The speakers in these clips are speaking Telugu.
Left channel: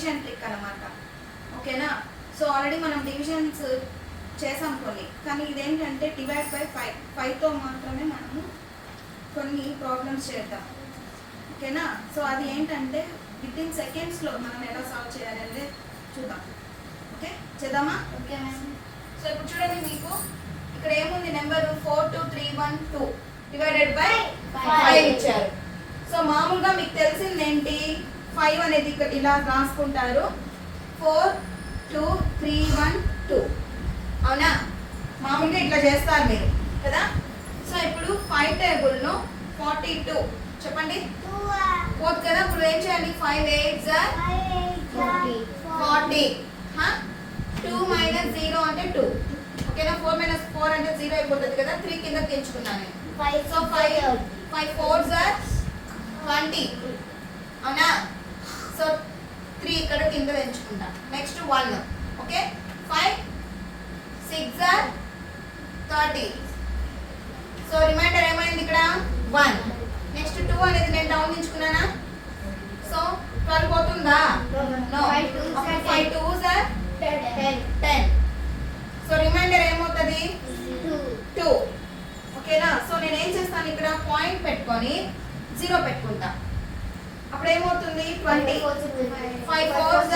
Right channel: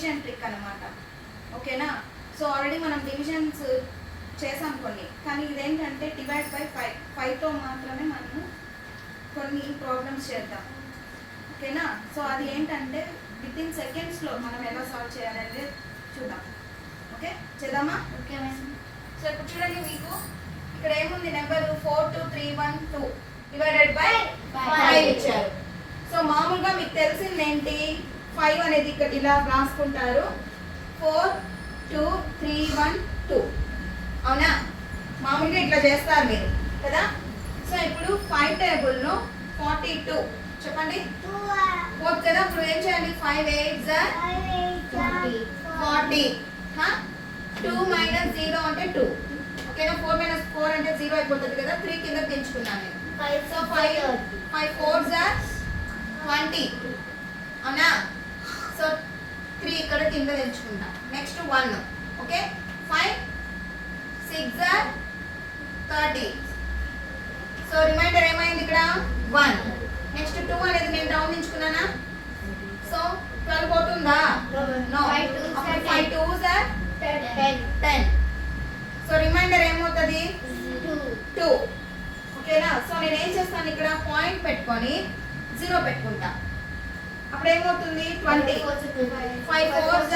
డివిజన్ ట్రిక్ అనమాట. ఓకేనా? సో ఆల్రెడీ మనం డివిజన్స్ చేసాం కొన్ని, కానీ ఇదేంటంటే డివైడ్ బై 5తో మాత్రమే మనము కొన్ని ప్రాబ్లమ్స్ చేద్దాం. ఓకేనా? సో అది ఏంటంటే వితిన్ సెకండ్స్లో మనం ఎలా సాల్వ్ చేయాలనేది చూద్దాం. ఓకే, చేద్దామా? Okay madam. సో ఇప్పుడు చూడండి, మీకు ఇక్కడ ఏముంది, నెంబర్ 42312 డివైడెడ్ బై 5 ఇచ్చారు. సో మామూలుగా మీకు తెలిసింది ఏంటి, 5 అనేది ఇక్కడ ఇలా రాసుకుంటారు, 4 2 3 1 2. అవునా? మామూలుగా ఇట్లా చేస్తారు మీరు కదా. సో ఇప్పుడు 5 టేబుల్ను 42 చెప్పండి, 4 కదా. ఇప్పుడు ఏం చేయాలి, 5 8 40. 2 మైనస్ 0 అంటే 2. ఓకేనా? 4 మైనస్ 4 అంటే 0 అయిపోతుంది కదా. 3 కింద తెచ్చుకున్నాను నేను. సో 5 4 20. అవునా? సో 3 ఇక్కడ కింద తెచ్చుకుంటా. నెక్స్ట్ 1. ఓకే, 5 6 30. సో రిమైండర్ ఏమైంది ఇక్కడ 1. నెక్స్ట్ 2 అనేది నేను డౌన్ తెచ్చుకున్నానా. సో 12 పోతుందా? నో. 5 2s 10. సో రిమైండర్ ఏమవుతుంది 2. ఓకేనా? సో నేను ఏం చేస్తాను, ఇక్కడ పాయింట్ పెట్టుకొని 0 పెట్టుకుంటా. అప్పుడు ఏమవుతుంది 20. 5 4s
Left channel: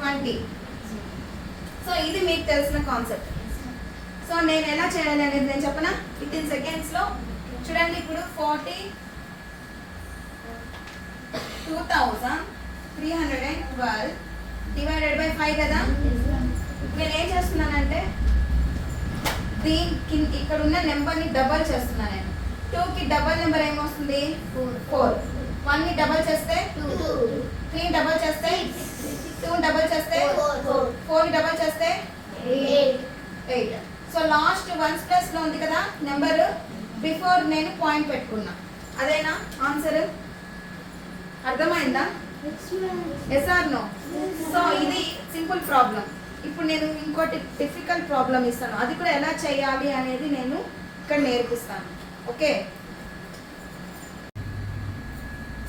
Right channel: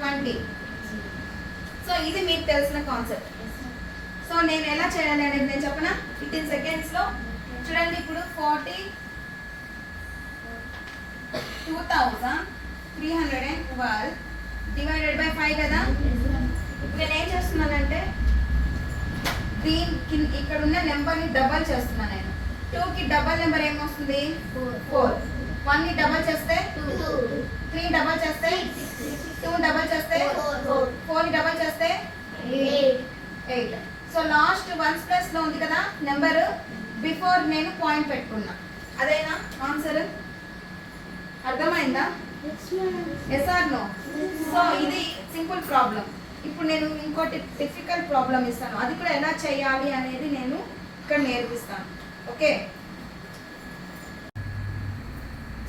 20. సో ఇది మీకు తెలిసిన కాన్సెప్ట్. సో నేను ఎలా చేయాలి అనేది నేను చెప్పనా, 15 సెకండ్స్లో. చూడండి, ఇప్పుడు 42,312 డివైడెడ్ బై 5 కదా. నేను ఏం చేస్తున్నానంటే దీనికి ఇక్కడ ఉన్న నెంబర్ని డబల్ చేస్తున్నాను నేను. 2కి డబల్ నెంబర్ ఏమొస్తుంది 4. 1ని డబల్ చేస్తే 2. 3 డబల్ చేస్తే 2 డబల్ చేస్తే 4 డబల్ చేస్తే 8. సో లాస్ట్ 1's ప్లస్ లో ఉంది కదా నెంబర్, బిఫోర్ నేను పాయింట్ పెట్టుకున్నా. అదేనా ఆన్సర్? అర్థమైందా? Yes or no? సో ఇది సింపుల్ ప్రాబ్లం. ఇప్పుడు నేను ఇంకోటి డిఫికల్ట్ ప్రాబ్లం ఇస్తాను, అది కూడా ఎలా చేయాలి అనేది నేను ఇక్కడ నేర్పిస్తాను. ఓకే,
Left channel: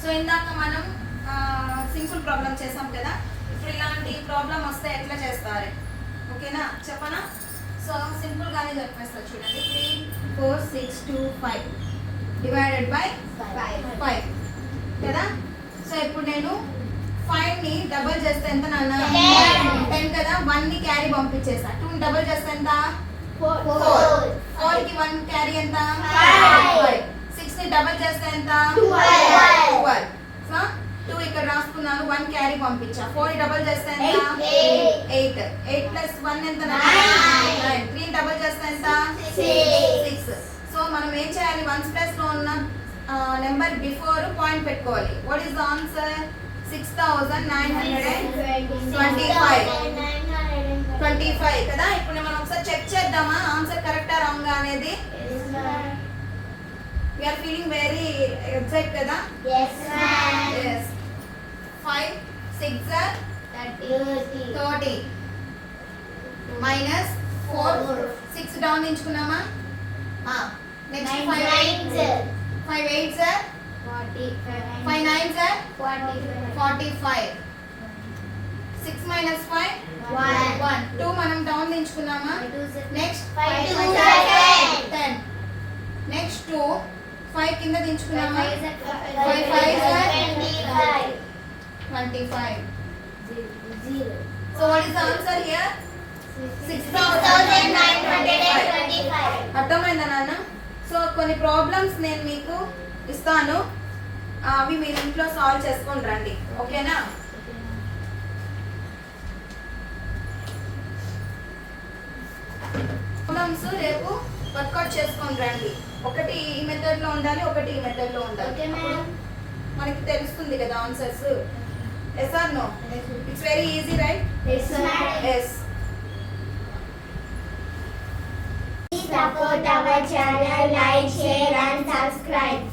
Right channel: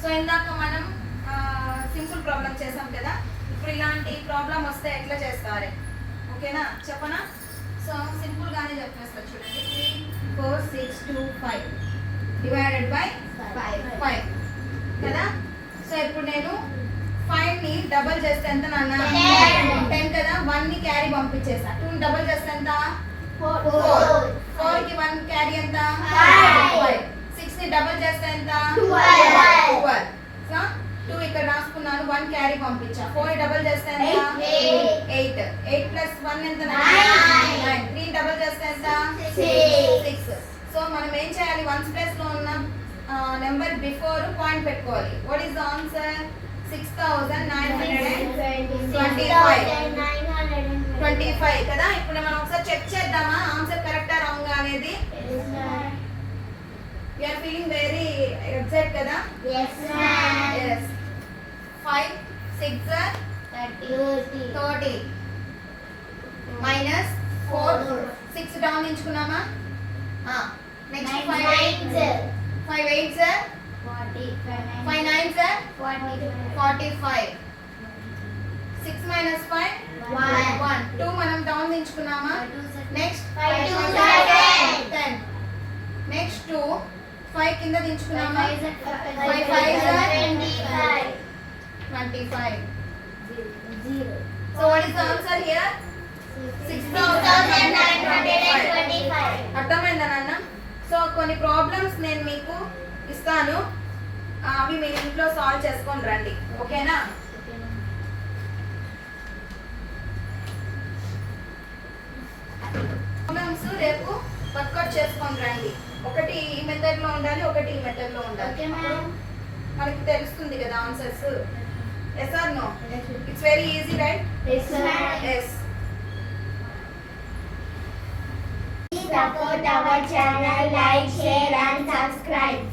సో ఇందాక మనం సింపుల్ ప్రాబ్లం చేసాం కదా. ఇప్పుడు ఇలాంటి ప్రాబ్లం వస్తే ఎట్లా చేస్తారు? ఓకేనా, చెప్పనా? సో సింపుల్ గానే చెప్పేస్తా. చూడండి, 3 4 6 2 5 డివైడెడ్ బై 5 కదా. సో ఇప్పుడు నేను 5ని డబల్ చేస్తే ఎంత నాన్న? 10 కదా. 1ని క్యారీ పంపించేసా. 2ని డబల్ చేస్తే ఎంత? 4కి 1 క్యారీ ఎంత? 5. 6ని డబల్ చేస్తే ఎంత? 12. సో 2 ఇక్కడ రాసుకున్నాను, 1 క్యారీ పంపించా. 4ని డబల్ చేస్తే ఎంత? 8. 8 ప్లస్ 1 ఎంత? 9. 3 డబల్ చేస్తే ఎంత? 6. సో మనం ఏం చేయాలి, 1's ప్లస్ లో ఉన్న నెంబర్ బిఫోర్ పాయింట్ పెట్టుకోవాలి. What is the answer? 6,925 కదా. ఇప్పుడు మనం ఒకసారి చెక్ చేద్దామా ఆన్సర్ కరెక్టా రాంగా అనేది? We are feeling very excited కదా. Yes ma'am. Yes. 5 6 30 minus 4 6 down ఎంచుకున్నామా? Next 5 8 5 9 45. 6 minus 5 1. 2 మనం డౌన్ ఎంచుకున్నామా? నెక్స్ట్ 10. నెక్స్ట్ 2 5 కింద దించుకున్నామా? 5 5 25. So what is the answer here? 6,925. అర్థమైందా నాన్న? సో కొన్ని ప్రాబ్లమ్స్ నేను మీకు ఇస్తాను, అవి మీరు ఇంట్లో సాల్వ్ చేసుకొని రండి. ఓకేనా? ప్రాబ్లమ్స్ రేపు వర్కౌట్ చేసుకొని రండి. ఒకటి ఈ మెథడ్ లో ఉండాలి, ఒకటి ఈ మెథడ్ లో ఉండాలి. మనకి తెలుస్తుంది కదా answers. Yes or no? It's very easy right? Yes. Support our channel, like, share and subscribe.